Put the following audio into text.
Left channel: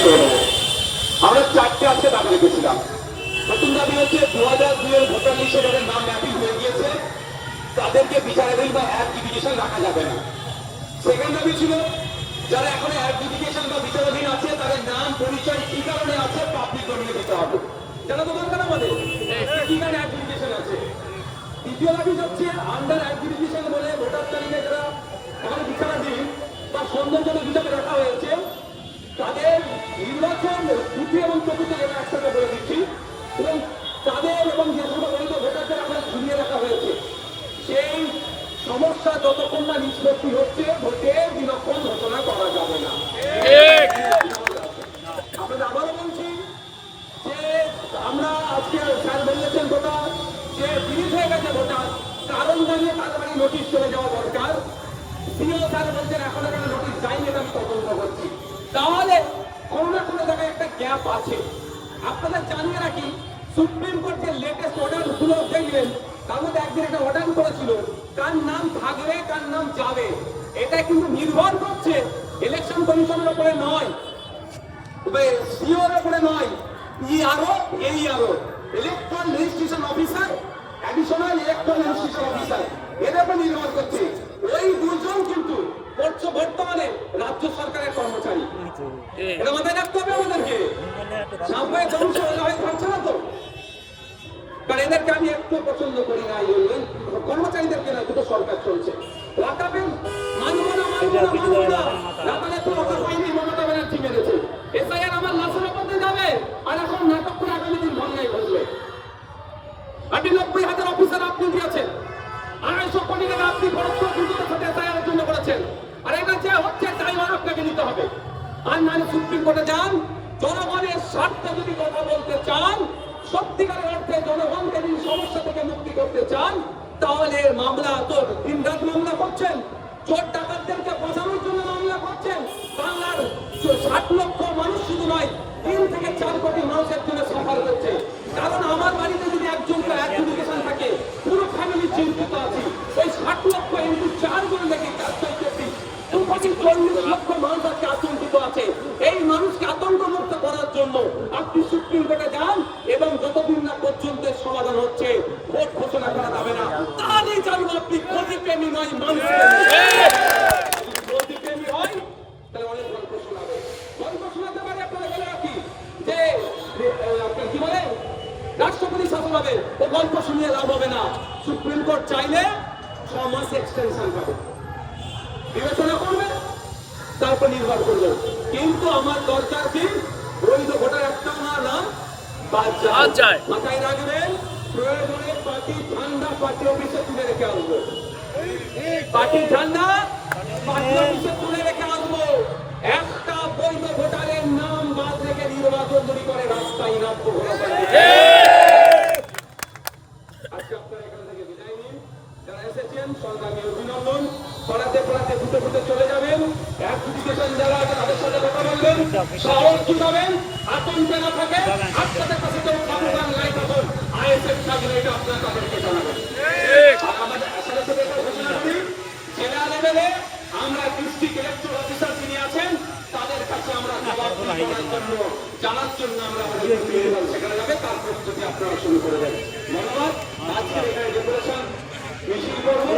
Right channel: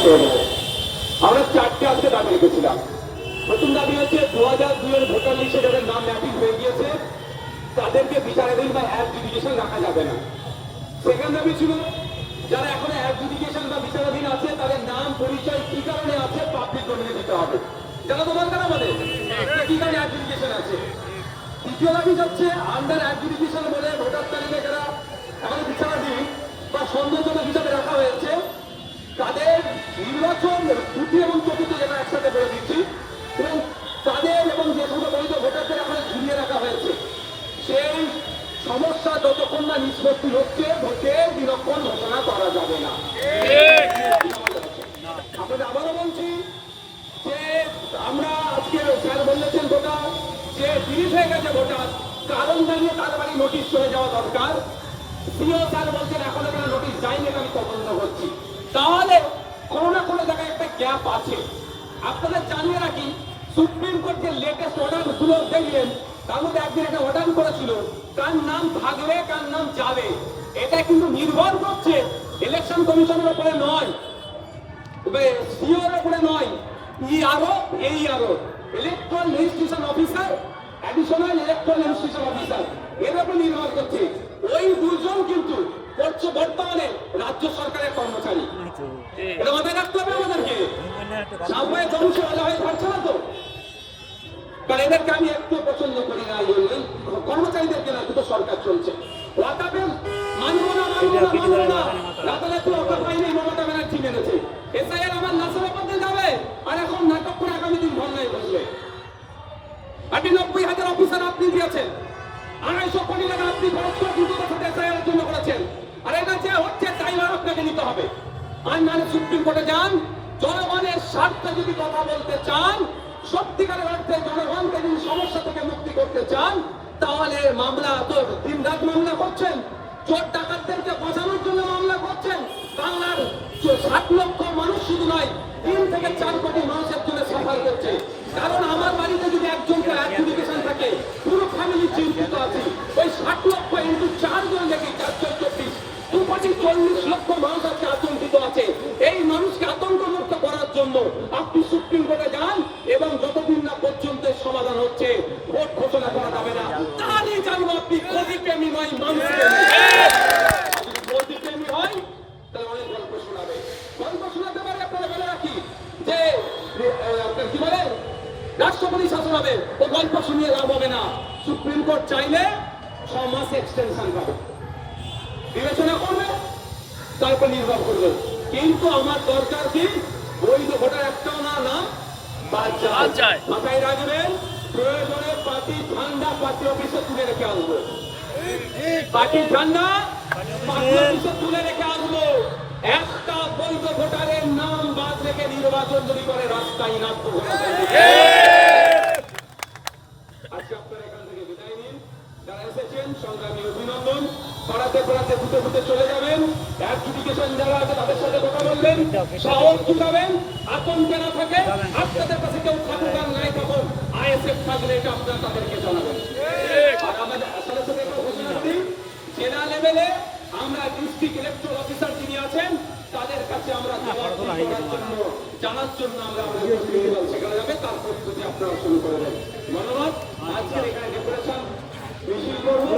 আমরা চারটে আজকে দাবি রেখেছিলাম। প্রথম দাবি হচ্ছে 2002 ভোটার লিস্টে যাদের নাম ম্যাপিং হয়ে গিয়েছে তাদেরকে বিচারাধীন বা অ্যাডজুডিকেশন রাখা যাবে না। সেকেন্ড দাবি ছিল যারা এখন অ্যাডজুডিকেশন বা বিচারাধীন আছে তাদের নাম পরিচয় কি কারণে আছে পাবলিক ডোমেইনে দিতে হবে। জানা তো দরকার আমাদের কি কারণে অ্যাডজুডিকেশন আছে। দ্বিতীয় দাবি হচ্ছে আন্ডার অ্যাডজুডিকেশন বলে ভোটার তালিকায় যারা এখন বিচারাধীন বা সন্দেহজনক হিসাবে রাখা হয়েছে তাদের নির্বাচন তৃতীয় এবং চতুর্থ জেলা একসাথে করে দিচ্ছি এবং তাদের এবং যে সমস্ত বৈধ ভোটারদের এখন ঝুলিয়ে রাখা হয়েছে সেই সমস্যা যতক্ষণ না নিষ্পত্তি হচ্ছে ভোটের বিলক্ষণ ঘোষণা করা যাবে না। আপনাদের আবারও বলছি যে আমরা আজকে স্যার বলেছেন ভোটার যে বিরিজ হয়ে গেছে ভোটার কারণ জানিয়ে তার বাড়ি নোটিশ চলে যাওয়া দরকার। সিও স্যার বলছেন এখনো কেন নোটিশ যায়নি আমি তদন্ত করছি। তাহলে কোনো না কোনো জায়গায় একটা গ্যাপ আছে। আপনাদের জানিয়ে রাখি সুপ্রিম কোর্ট যে লেটেস্ট অর্ডার গুলো দেখলেন তার মধ্যে একদিন একটা অর্ডার করেছিল কার নাম থাকবে কার নাম যাবে এটা কিন্তু নির্ভর করছে ইলেকশন কমিশনের উপরে নয়, সিওর উপরে নয়, ERO এইআরও electoral registration officer additional electoral registration officer এর উপরে নির্ভর করছে। ওই দুজন কিন্তু বর্তমানে রাজ্য সরকারের কর্মচারী। এটা মাথায় রাখতে হবে আমাদেরকে। সামনে ধ্বংস হয়ে থাকছে না তো, কারণ এদেরকে আমি একটু পছন্দ করি না। কর্মচারীদেরকে না দুটো সরকার চলছে ওয়াকাবে মানবো না রাতারাতি ওয়াকাব পাইনি মমতা ব্যানার্জি মেনেছে। এসআইআর আমার লাশের ওপর যাবে আর এখন নাটক করে আগামী দিন ধর্নায় বসবে। আপনি 90,000 অফিসার আপনি দিয়েছেন, 250 কোটি টাকা আপনি খরচ করে দ্রুততার সাথে এসআইআর জন্য করেছেন। আর এটা যে হচ্ছে তাই আপনাকে নিতে হবে। আর মানে সুপ্রিম কোর্টে যান, জনগণের স্বার্থে যদি কথা বলতে চান, সত্যিকারের অর্থে জনগণকে যদি সমস্যা থেকে মুক্তি করতে চান তাহলে মামলা তো দিন রাত মামলা করছেন, চোর ডাকাতদেরকে বাঁচানোর জন্য মামলা করছেন। বাংলার 60 লক্ষ মানুষ শুধু নয় 3 থেকে 4 কোটি মানুষের জন্য সাফার করছে। কারণ আমার বাড়িতে যদি একজনকে অ্যাডজুডিকেশন থাকে পুরো ফ্যামিলি চিন্তিত আছে। ওই 60 লক্ষ ইন্টু 4 জন দেখে 440 লক্ষ মানুষ আজকে আতঙ্কিত আছে। এই মানুষকে আতঙ্ক মুক্ত করার জন্য আপনি সুপ্রিম কোর্টে যান এবং যতদিন না পর্যন্ত সমাধান হচ্ছে ভোট ঘোষণা করা যাবে না। তাহলে জানবো আপনি গতিপ্রেমী নয় মানুষ গতিপ্রেমী হয় তাহলে অনেক গল্প শোনাবে। গল্প শোনাতে পারে আপনারা বলে রাখি যে কি বলে রাষ্ট্রপতি শাসন হবে, ও গল্প শুনিয়ে লাভ হবে না। সুপ্রিম কোর্ট চাইলে 6 মাস এক্সটেনশন পাবে, বিবেচনা করবে, তারপর নির্ভর করবে। কিন্তু আমার দরকার কি বৈধ ভোটার একটাও না নাম বাদ যায়। মাথায় রাখবেন প্রয়োজনে পার্টি ঝান্ডা পার্টি অফিসে তুলে রেখে আসবো, পার্টি ঝান্ডা পার্টি অফিসে তুলে রেখে আসবো। একটা বৈধ ভোটারের নাম বাদ রেখে নির্বাচন যদি করে রাস্তায় নামবো। আজকে আপনারা এখান থেকে বিদায় নিন। যারা এসেছেন সংগ্রামী অভিনন্দন। পড়াতে পড়াতে ফুটে ফুটে চলে যাবেন। অ্যাডজুডিকেশন যারা তাদের সাথে কথা বলবেন, সাহস জুটাবেন, আতঙ্কে না থাকে। আপনাদের কাছে কেউ থাকুক আর নাই থাকুন, আইএসএফ থাকলে এটা আপনারা তাদেরকে জানাবেন। আর আমাদের আসলে ঘোষণা করি জেলা লেভেলে আমরা ডিস্ট্রিক্ট ইলেকট্রাল অফিসার যিনি আছেন তাদের কাছে আমরা জানার জন্য আমরা সেখানে যাবে। তারপর যদি আপনারা শুরু করে দেন। ধন্যবাদ। আজকে এখানে ডেপুটেশন মিছিল করবো।